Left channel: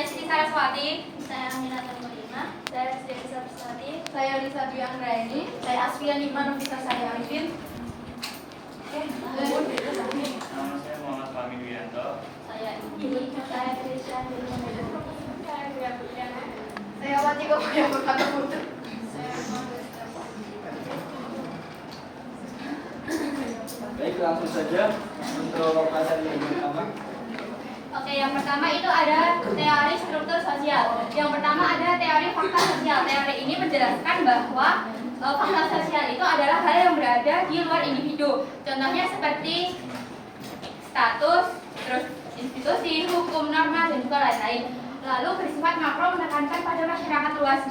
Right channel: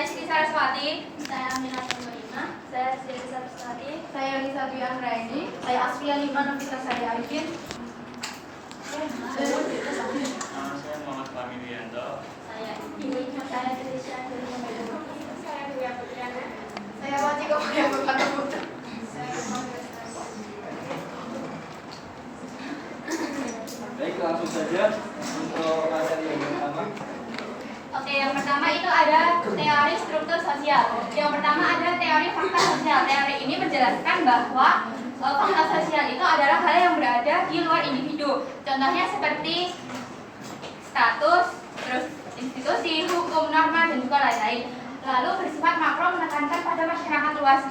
Saya Siti Saraswati. Saya Aminah Lima. Saya Siti Saraswati. Saya Lisa Dwi Anggraini. Saya Asfiya Lima Novita Sari Arifin. Nama saya Muhammad Fahmi Wiranto. Saya Trisha dari Medan. Saya Ria Putriana. Saya Wati Kopaya Bupati Putra. Baik, langsung saja untuk materi yang pertama. Oke, yang pertama itu ada teori struktur sosial. Yang pertama ada teori fakta sosial. Teori ini menjelaskan bahwa fakta sosial itu adalah hal yang berada di luar individu. Contohnya seperti status, terus institusi, hukum, norma, dan juga lain-lain. Lalu bersifat makro menekankan pada masyarakat luas.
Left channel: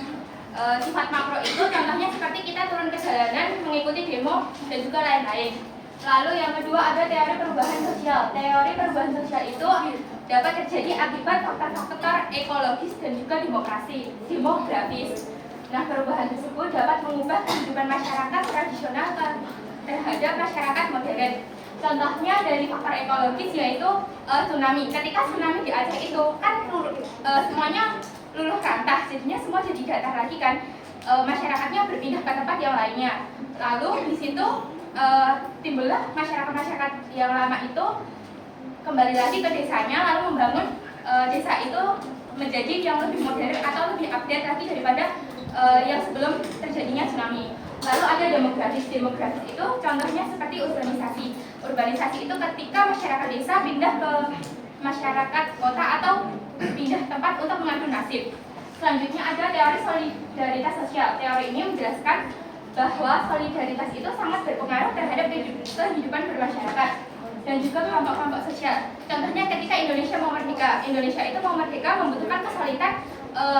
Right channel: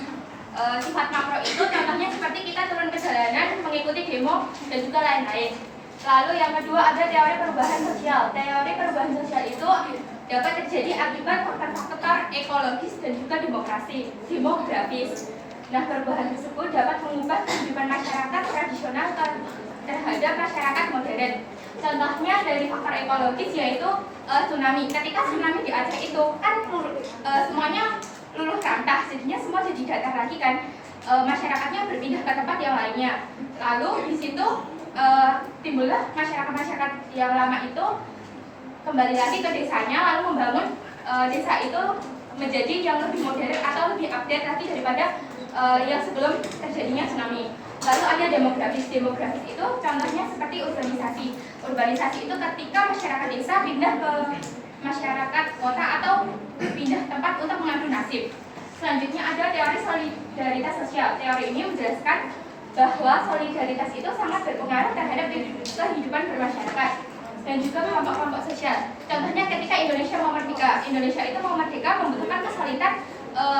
Sifat makro itu contohnya seperti kita turun ke jalanan, mengikuti demo, dan juga lain-lain. Lalu yang kedua ada teori perubahan sosial. Teori perubahan sosial itu dapat terjadi akibat faktor-faktor ekologis dan juga demografis. Nah, perubahan tersebut dapat mengubah kehidupan masyarakat tradisional terhadap masyarakat modern. Contohnya dari faktor ekologis yaitu tsunami. Ketika tsunami di Aceh itu kan semuanya luluh rantah, jadinya semua jadi datar lagi kan. Masyarakatnya berpindah ke tempat yang lainnya. Lalu di situ timbullah masyarakat yang lama itu kembali lagi ke desanya, lalu membangun desa itu menjadi yang lebih modern atau lebih update lagi daripada yang sebelum terjadinya tsunami. Lalu ada demografis. Demografis itu contohnya seperti urbanisasi. Urbanisasi itu ketika masyarakat desa pindah ke masyarakat kota atau pindah tempat untuk mengadu nasib. Selanjutnya ada teori solidaritas sosial. Teori ini menjelaskan bahwa solidaritas itu sangat berpengaruh terhadap kehidupan bermasyarakat dan juga kelompok-kelompok sosial. Contohnya ketika Indonesia mau merdeka. Indonesia itu mau merdeka membutuhkan kesulitan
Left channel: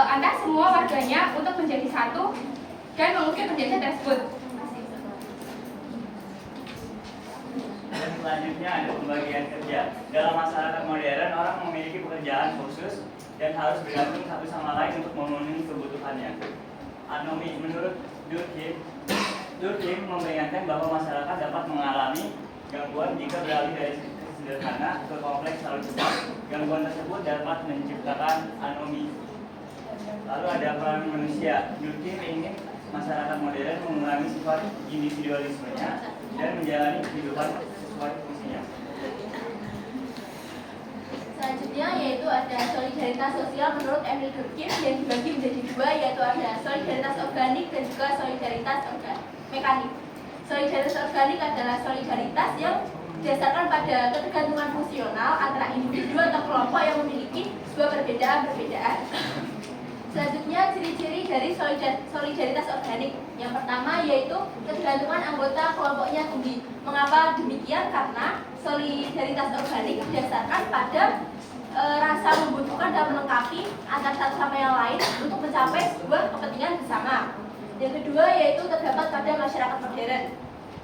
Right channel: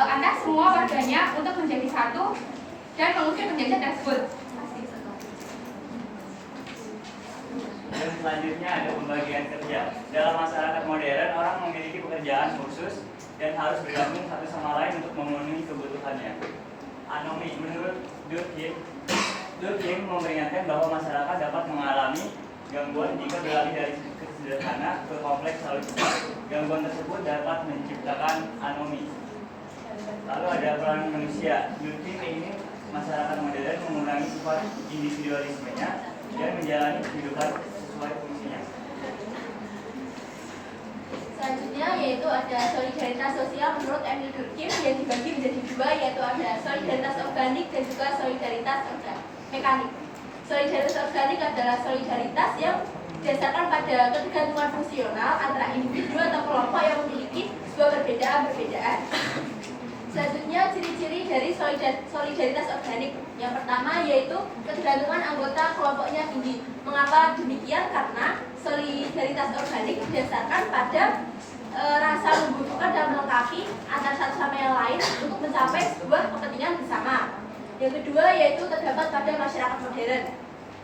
antar semua warganya untuk menjadi satu dan mengusir penjajah tersebut. Dan selanjutnya ada pembagian kerja. Dalam masyarakat modern, orang memiliki pekerjaan khusus dan harus bergabung satu sama lain untuk memenuhi kebutuhannya. Anomi, menurut Durkheim memperingatkan bahwa masyarakat dapat mengalami gangguan jika beralih dari sederhana ke kompleks terlalu cepat. Gangguan tersebut dapat menciptakan anomi. Lalu ada peran manusia. Durkheim ingin masyarakat modern mengurangi sifat individualismenya dan menjalani kehidupan sesuai fungsinya. Selanjutnya yaitu ada solidaritas sosial menurut Emil Durkheim yang dibagi menjadi dua, yaitu ada solidaritas organik dan juga solidaritas mekanik. Solidaritas organik adalah solidaritas yang didasarkan pada ketergantungan fungsional antara individu atau kelompok yang memiliki sebuah perbedaan. Selanjutnya ciri-ciri dari solidaritas organik. Yang pertama yaitu ketergantungan anggota kelompoknya tinggi. Mengapa demikian? Karena solidaritas organik didasarkan pada rasa membutuhkan dan melengkapi antara satu sama yang lain untuk mencapai sebuah kepentingan bersama. Yang kedua yaitu terdapat pada masyarakat modern.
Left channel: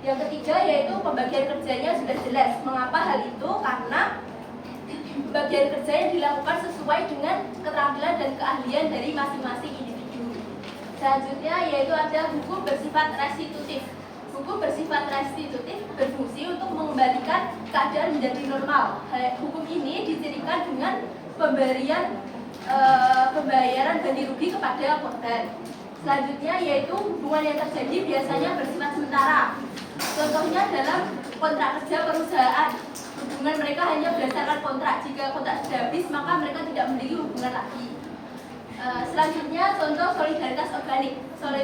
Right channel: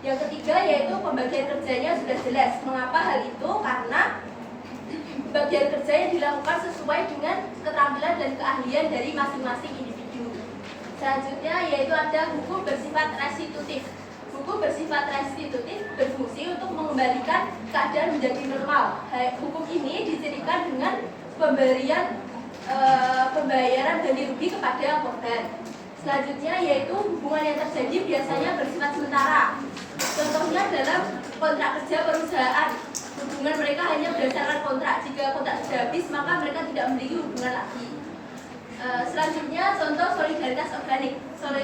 Yang ketiga yaitu pembagian kerjanya sudah jelas. Mengapa hal itu? Karena bagian kerja yang dilakukan sesuai dengan keterampilan dan keahlian dari masing-masing individu. Selanjutnya yaitu ada hukum bersifat restitutif. Hukum bersifat restitutif berfungsi untuk mengembalikan keadaan menjadi normal. Hukum ini dicirikan dengan pembayaran ganti rugi kepada korban. Selanjutnya yaitu hubungan yang terjadi biasanya bersifat sementara. Contohnya dalam kontrak kerja perusahaan. Hubungan mereka hanya berdasarkan kontrak. Jika kontrak sudah habis, maka mereka tidak memiliki hubungan lagi. Selanjutnya contoh solidaritas organik.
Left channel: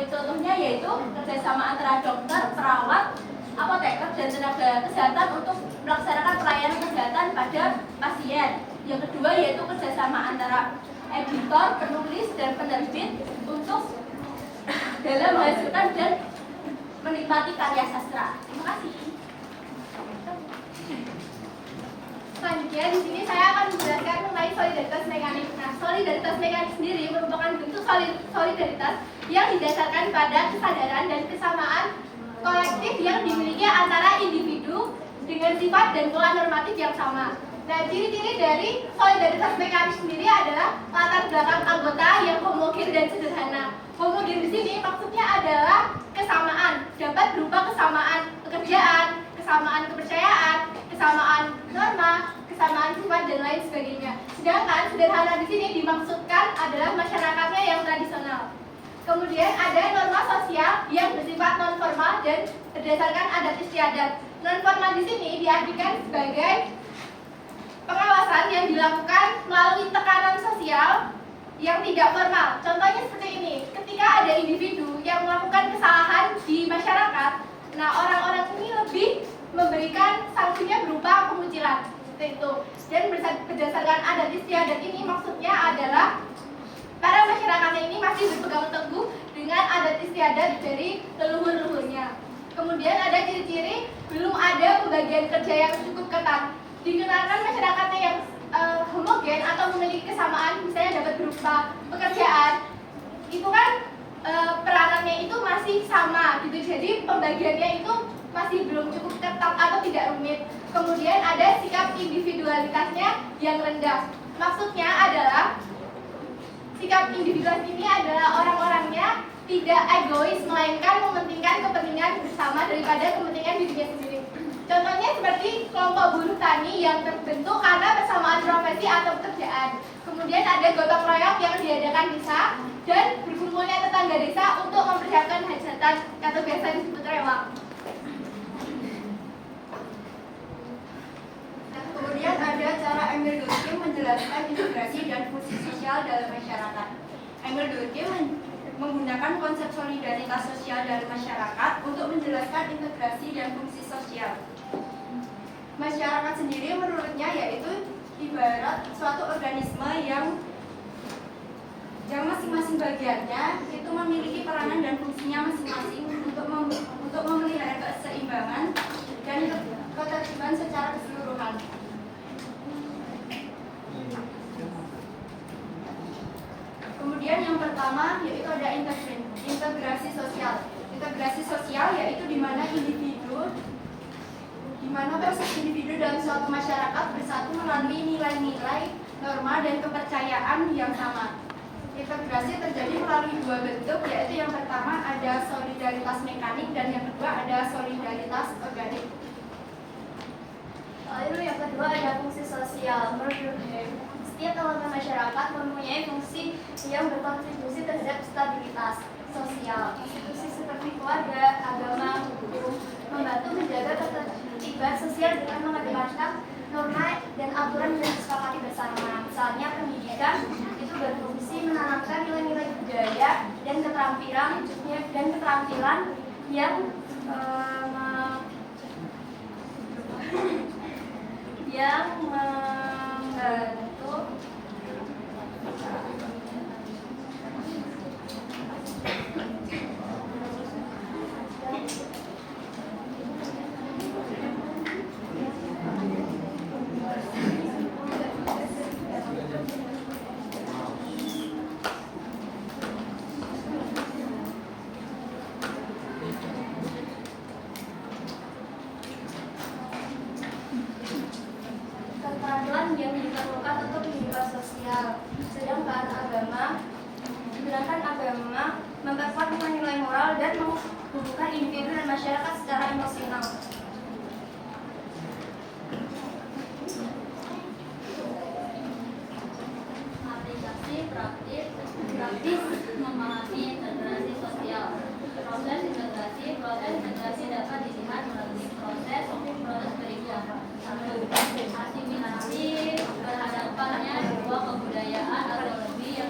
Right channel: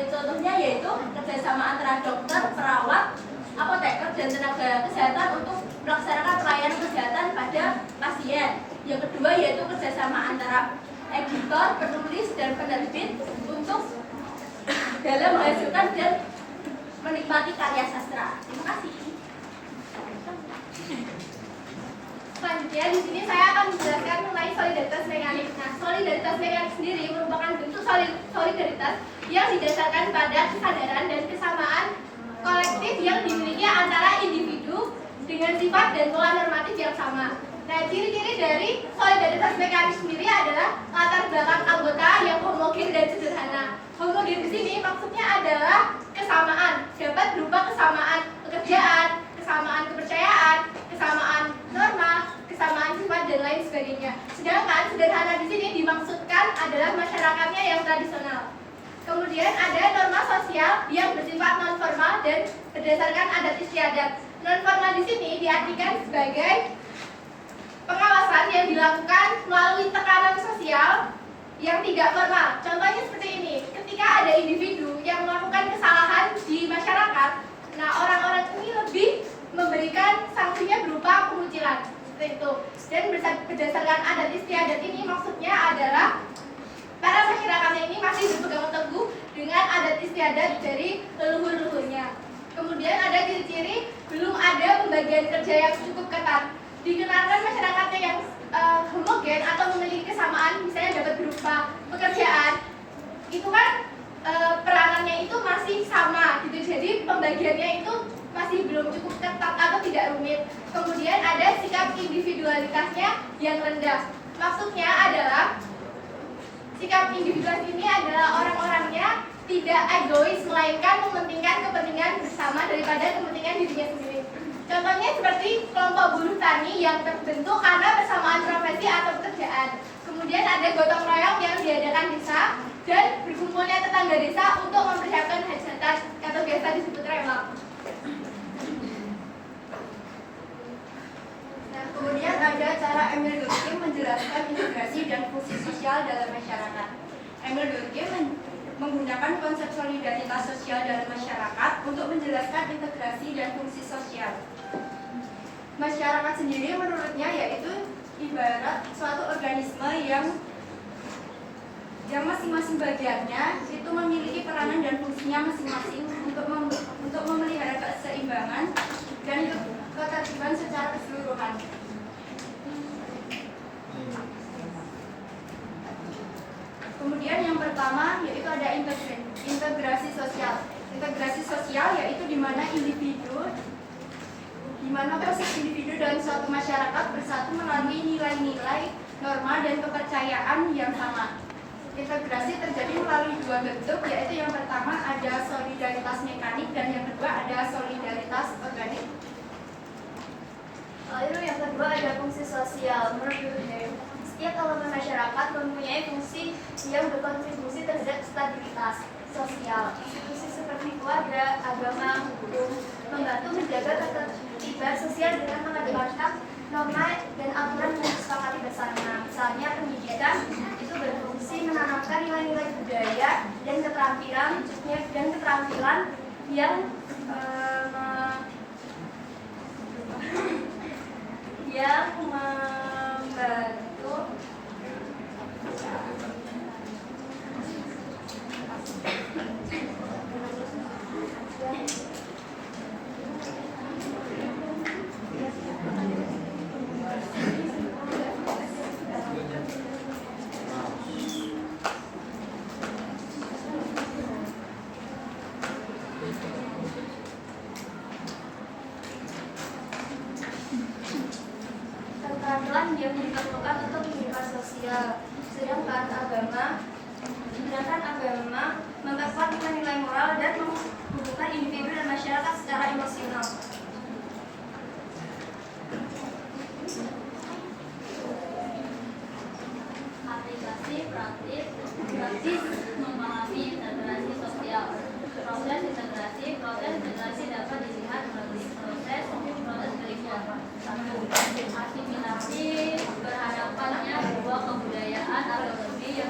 Contohnya yaitu kerjasama antara dokter, perawat, apoteker, dan tenaga kesehatan untuk melaksanakan pelayanan kesehatan pada pasien. Yang kedua yaitu kerjasama antara editor, penulis, dan penerbit untuk dalam menghasilkan dan menikmati karya sastra. Terima kasih. Selanjutnya di sini saya akan menjelaskan mengenai solidaritas mekanik. Nah, solidaritas mekanik sendiri merupakan bentuk solidaritas yang didasarkan pada kesadaran dan kesamaan kolektif yang dimiliki antara individu dengan sifat dan pola normatif yang sama. Nah, ciri-ciri dari solidaritas mekanik sendiri adalah latar belakang anggota yang homogen dan sederhana. Homogen di sini maksudnya adalah kesamaan, dapat berupa kesamaan pekerjaan, kesamaan kepercayaan, kesamaan norma, kesamaan sifat dan lain sebagainya. Sedangkan sederhana di sini dimaksudkan adalah masyarakatnya yang tradisional. Kemudian ada norma sosial yang bersifat non formal dan berdasarkan adat istiadat. Non formal di sini diartikan sebagai pengawasan yang dilakukan melalui tekanan sosial yang tidak formal. Contohnya seperti ini, ketika ada individu yang melakukan kesalahan di masyarakat, nah orang-orang ini lebih memberikan sanksinya berupa pengucilan, seperti itu. Dan berdasarkan adat istiadat ini maksudnya adalah para masyarakatnya ini masih berpegang teguh dengan adat istiadat dari leluhur-leluhurnya. Kemudian ada ciri-ciri belum ada pembagian kerja yang cukup ketat. Dikenakan masyarakatnya yang homogen atau memiliki kesamaan, misalnya dapat berupa pekerjaan, itu kan peranannya itu masih sama gitu, jadi pembagiannya itu masih belum cukup ketat atau tidak rumit. Kemudian ada sikap individualitasnya yang rendah. Maksudnya adalah sikap individualis ini adalah orang-orangnya tidak egois, melainkan mementingkan kepentingan bersama daripada kepentingan dirinya sendiri. Contohnya seperti kelompok buruh tani yang terbentuk karena persamaan profesi atau pekerjaan. Kemudian ada gotong royong yang diadakan desa dan berkumpulnya tetangga desa untuk mempersiapkan hajatan atau biasa disebut rewang. Nah, kemudian ada cara Emil Durkheim menjelaskan integrasi dan fungsi sosial dalam masyarakat. Emil Durkheim menggunakan konsep solidaritas sosial dalam masyarakat untuk menjelaskan integrasi dan fungsi sosial. Masyarakat sendiri menurutnya yaitu ibarat suatu organisme yang masing-masing bagiannya itu memiliki peranan dan fungsinya masing-masing untuk memelihara keseimbangan dan ketertiban secara keseluruhan. Kemudian yang pertama yaitu ada integrasi sosial. Integrasi sosial yaitu di mana proses individu dalam suatu masyarakat bersatu melalui nilai-nilai, norma dan kepercayaan yang sama. Integrasi terjadi melalui dua bentuk, yaitu yang pertama ada solidaritas mekanik dan yang kedua ada solidaritas organik. Lalu yang kedua ada fungsi sosial. Menurut Durkheim, setiap elemen masyarakat mempunyai fungsi yang berkontribusi terhadap stabilitas sosial. Institusi seperti keluarga, agama, hukum membantu menjaga ketertiban sosial dengan mengedepankan norma dan aturan yang disepakati bersama. Misalnya pendidikan itu berfungsi menanamkan nilai-nilai budaya dan keterampilan yang membantu keterampilan yang diperlukan untuk kehidupan sosial. Sedangkan agama memperkuat nilai-nilai moral dan menghubungkan individu dan masyarakat secara emosional. Aplikasi praktis memahami integrasi sosial. Proses integrasi dapat dilihat melalui proses berikut. 1. Asimilasi, berhadapannya dua kebudayaan atau lebih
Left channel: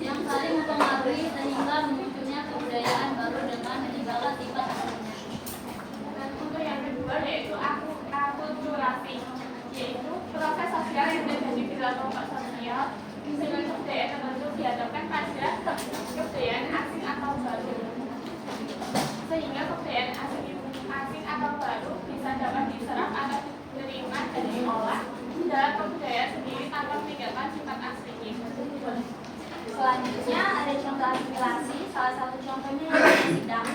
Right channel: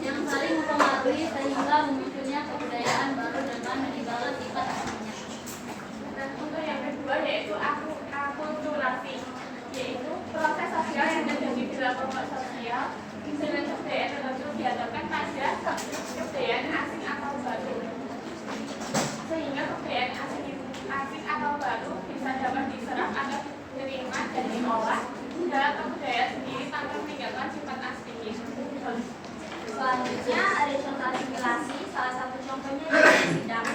yang saling mempengaruhi sehingga munculnya kebudayaan baru dengan meninggalkan sifat aslinya. Dan untuk yang kedua yaitu akulturasi, yaitu proses sosial yang terjadi di dalam kelompok sosial dengan kebudayaan tertentu dihadapkan pada kebudayaan asing atau baru, sehingga kebudayaan asing atau baru bisa dapat diserap atau diterima dan diolah dalam kebudayaan sendiri tanpa meninggalkan sifat aslinya. Selanjutnya ada contoh asimilasi. Salah satu contohnya yaitu sidang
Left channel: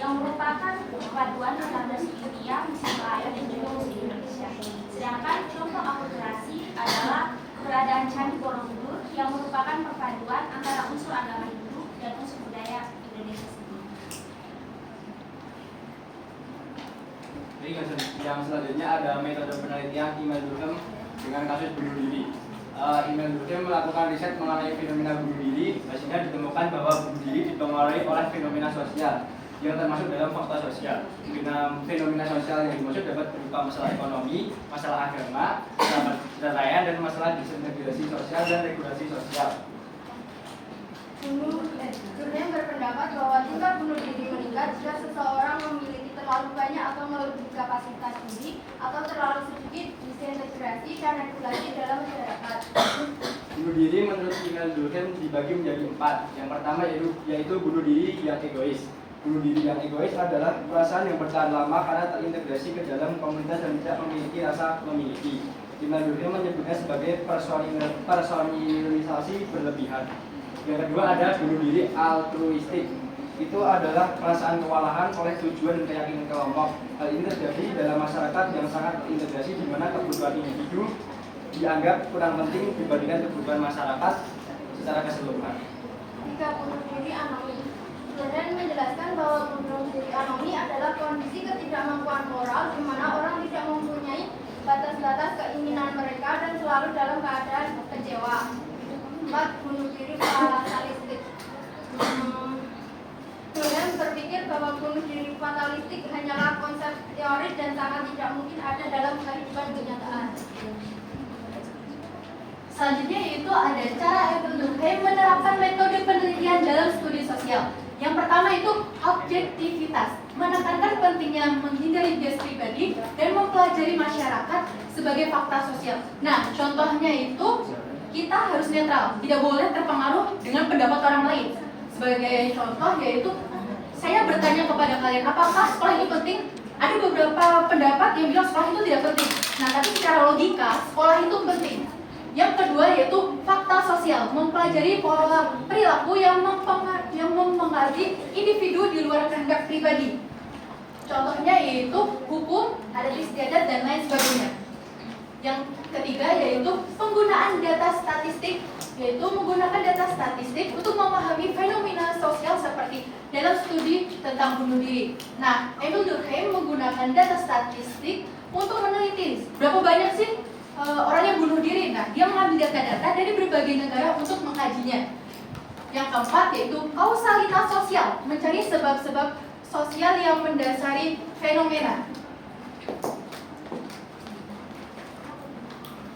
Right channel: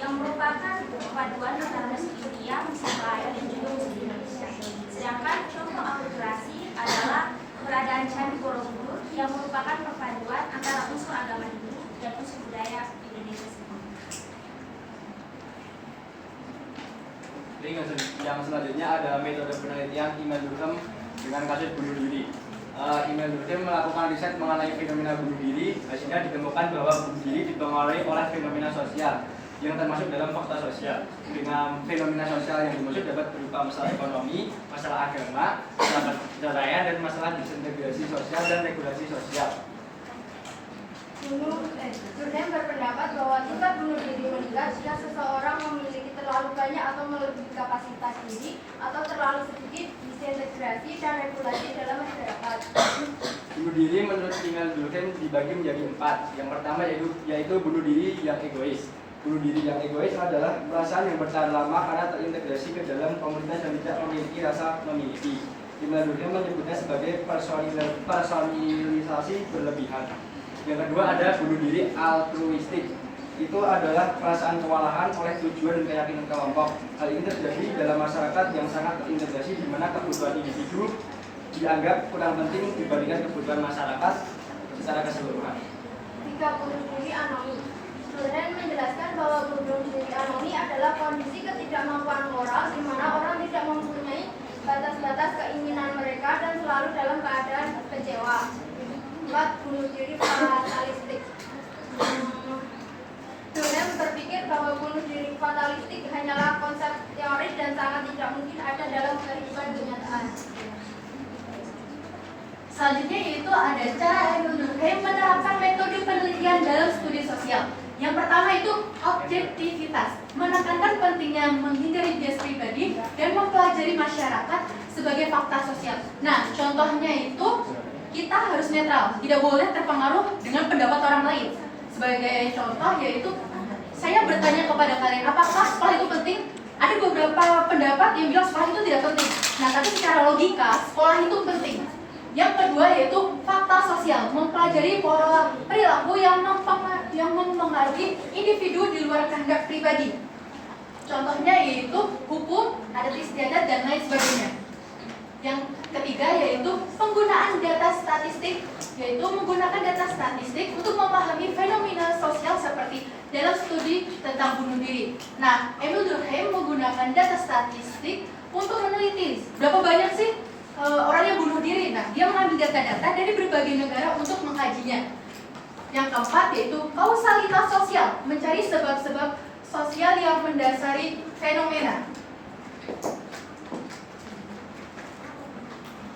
yang merupakan perpaduan antara musik India, musik Melayu dan juga musik Indonesia. Sedangkan contoh akulturasi adalah keberadaan Candi Borobudur yang merupakan perpaduan antara unsur agama Hindu dan unsur budaya Indonesia sendiri. Jadi yang selanjutnya ada metode penelitian Emil Durkheim dengan kasus bunuh diri. Emil Durkheim melakukan riset mengenai fenomena bunuh diri. Hasilnya ditemukan bahwa bunuh diri dipengaruhi oleh fenomena sosial yang termasuk dalam fakta sosial. Dengan fenomena sosial yang dimaksud dapat berupa masalah ekonomi, masalah agama, masalah perceraian, dan masalah disintegrasi sosial dan regulasi sosial. Durkheim berpendapat bahwa tingkat bunuh diri meningkat jika seseorang memiliki terlalu banyak atau melebihi kapasitas diri atau terlalu sedikit disintegrasi dan regulasi dalam masyarakat. Bunuh diri menurut Emil Durkheim dibagi menjadi 4. Yang pertama yaitu bunuh diri yang egois. Bunuh diri yang egois adalah perasaan yang bertahan lama karena terintegrasi ke dalam komunitas dan tidak memiliki rasa memiliki. Emil Durkheim menyebutnya sebagai personalisasi berlebihan. Yang kedua ada bunuh diri altruistik. Itu adalah perasaan kewalahan oleh tujuan dan keyakinan kelompok. Hal ini terjadi dalam masyarakat yang sangat terintegrasi di mana kebutuhan individu dianggap kurang penting dibandingkan kebutuhan masyarakat secara keseluruhan. 3. Bunuh diri anonim. Durkheim menjelaskan bahwa bunuh diri anonim adalah kondisi ketidakmampuan moral di mana orang tidak mempunyai batas-batas keinginan mereka dan selalu dalam keadaan kecewa. 4. Bunuh diri fatalistik. Durkheim berpikir bahwa bunuh diri fatalistik hanyalah konsep teoris dan sangat tidak mungkin ada dalam kehidupan kenyataan. Selanjutnya yaitu ada cara Emil Durkheim menerapkan metode penelitian dalam studi sosial. Yang pertama itu objektivitas, menekankan pentingnya menghindari bias pribadi dan mempelajari masyarakat sebagai fakta sosial. Nah, contohnya itu kita harus netral, tidak boleh terpengaruh dengan pendapat orang lain. Sebagai contoh yaitu saya bertanya kepada kalian, apakah sekolah itu penting? Ada beberapa pendapat yang bilang sekolah itu tidak penting. Nah, tapi secara logika sekolah itu penting. Yang kedua yaitu fakta sosial, mempelajari pola perilaku yang mempengaruhi individu di luar kehendak pribadi. Contohnya yaitu hukum, adat istiadat, dan lain sebagainya. Yang ketiga yaitu penggunaan data statistik, yaitu menggunakan data statistik untuk memahami fenomena sosial seperti dalam studi tentang bunuh diri. Nah, Emil Durkheim menggunakan data statistik untuk meneliti berapa banyak sih orang yang bunuh diri. Nah, dia mengambil data-data dari berbagai negara untuk mengkajinya. Yang keempat yaitu kausalitas sosial, mencari sebab-sebab sosial yang mendasari fenomena.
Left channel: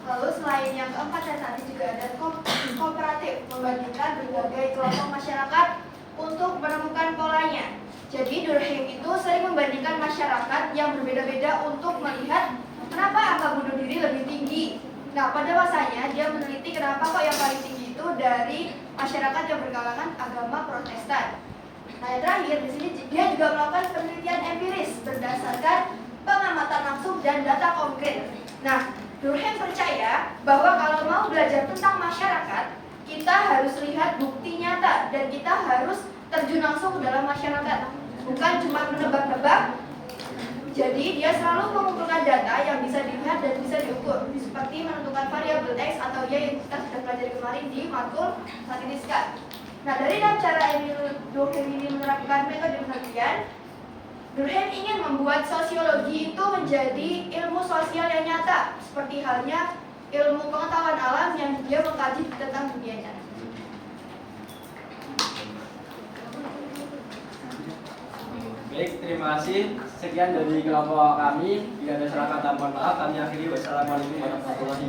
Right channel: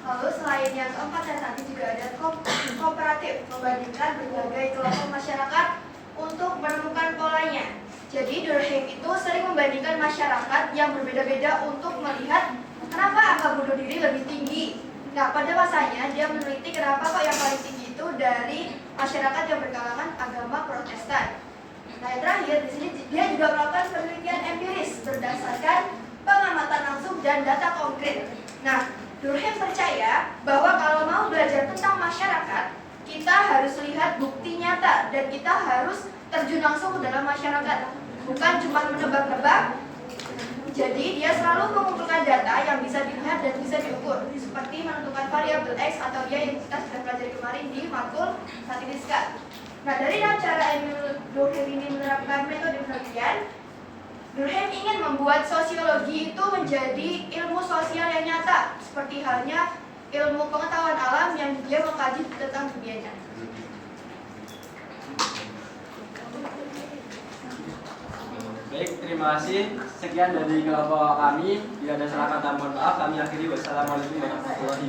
Lalu selain yang keempat dan tadi juga ada kooperatif, membandingkan berbagai kelompok masyarakat untuk menemukan polanya. Jadi Durkheim itu sering membandingkan masyarakat yang berbeda-beda untuk melihat kenapa angka bunuh diri lebih tinggi. Nah, pada masanya dia meneliti kenapa kok yang paling tinggi itu dari masyarakat yang berkalangan agama Protestan. Nah, yang terakhir di sini dia juga melakukan penelitian empiris berdasarkan pengamatan langsung dan data konkret. Nah, Durkheim percaya bahwa kalau mau belajar tentang masyarakat, kita harus lihat bukti nyata dan kita harus terjun langsung ke dalam masyarakat, bukan cuma menebak-nebak. Jadi dia selalu mengumpulkan data yang bisa dilihat dan bisa diukur, seperti menentukan variabel X atau Y yang kita sudah pelajari kemarin di matkul statistika. Nah, dari dalam cara Emil Durkheim ini menerapkan metode penelitian, Durkheim ingin membuat sosiologi itu menjadi ilmu sosial yang nyata, seperti halnya ilmu pengetahuan alam yang dia mengkaji tentang dunia nyata. Baik, terima kasih. Sekian dari kelompok kami. Bila ada salah kata mohon maaf. Kami akhiri. Wassalamualaikum warahmatullahi